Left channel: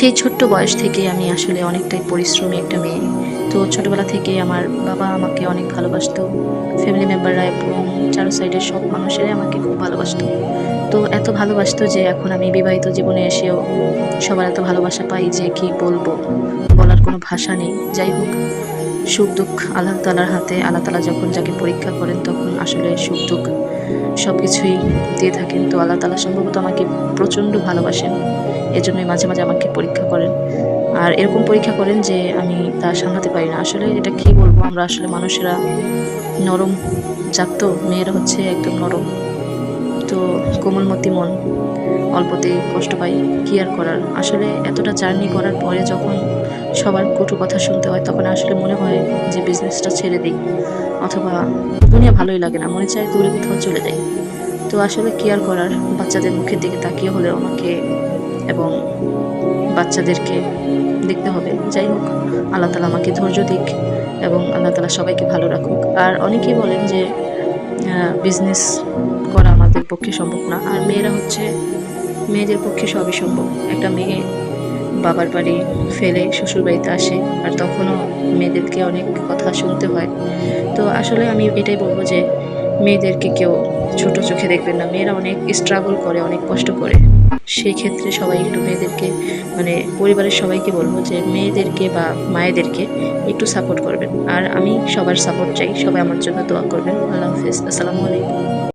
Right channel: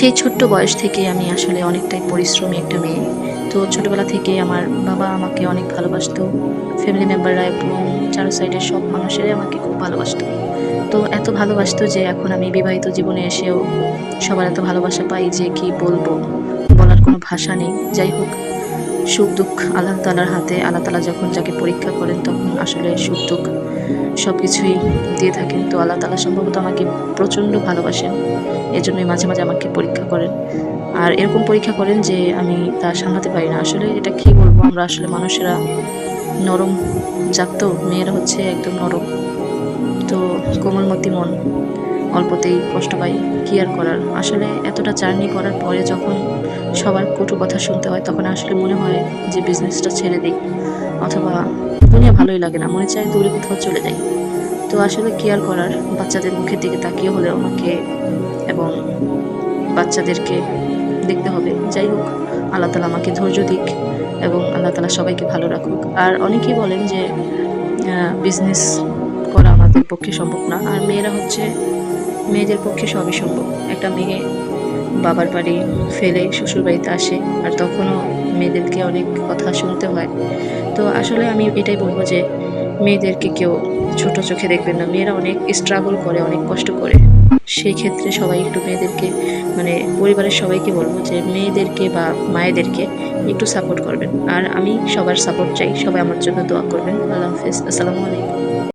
সেই ছোট্ট বয়স থেকে আমি আসলে অনেকটাই পরিশ্রমী একটা মেয়ে। তো ছোটবেলা থেকেই আমার বাবা আমাকে অনেক ভালোবাসতো। ফ্যামিলি মেম্বাররা এবং চারো সাইডের সব মানুষেরাই আমাকে খুব ভালোবাসতো। তো এত ভালোবাসতো যে এখন আমি বিবাহিত জীবনে এসেও সবার এত ভালোবাসা পাই যে কি বলবো? বলার কোনো ভাষা নেই। যাই হোক, সুখ-দুঃখ আল্লাহ তাআলার হাতে। আল্লাহ তাআলা যখন যাকে পরীক্ষা করেন তখন আসলে সুখ-দুঃখ সবকিছুই দিয়ে থাকেন। তো আল্লাহ তাআলা সম্ভবত আমাকে প্রচন্ড ভালোবাসেন। এজন্যই মাঝে, মাঝে আমাকে পরীক্ষা করেন। আর এরকম পরীক্ষা করেন যে আমি তা সামলাতে পারি না। আসলে এটা কি বলবো? আমরা আসলে মানুষেরা নরম জাত তো, মেয়েরা হচ্ছে একদম নরম। তো কোমলমতি মন, অল্পতেই কষ্ট পাই। কি আর করার? আসলে এতটা জার্নি করার পরে যখন সবার কটু কথা শুনতে হয়, তখন আসলে মনে হয় যে বিজনেসটা ছেড়ে দেই। অথবা দুনিয়া ভালোই লাগে না। মনে চায় দূরে কোথাও চলে যাই। তো আসলে কি আর করার? বাচ্চাদের মুখের দিকে তাকিয়ে হলেও আমাকে এবং বাচ্চাদেরকে দেখতে হবে। যাই হোক, আল্লাহ তাআলা আমাকে ধৈর্য দিক এবং আল্লাহ তাআলা সবাইকে ভালো রাখুক। আর অনেকেই বলেন যে বিজনেস করা আমাদের পক্ষে সম্ভব না। আর মেয়েরা হচ্ছে মেয়েদের পক্ষে সবই সম্ভব। একটা মেয়ে বাবার বাড়ি ফেলে শ্বশুরবাড়িতে আসে। আর তখনও মেয়েদেরকে অনেক কথা শুনতে হয়। তো আসলে আমি এটাই বলব যে মেয়েদেরকে কেউ ছোট চোখে দেখবেন না। মেয়েরা অনেক স্ট্রাগল করে, অনেক কষ্ট করে। সেই ক্ষেত্রে সবাই একটু মেয়েদেরকে মানে পরিবারের সবাইকে বলব যে মেয়েদেরকে বা মায়েদেরকে একটু সাপোর্ট করবেন। আর আমি সবার সাপোর্ট চাই। সবাই আমার জন্য দোয়া করবেন। আল্লাহ হাফেজ। আসসালামু আলাইকুম।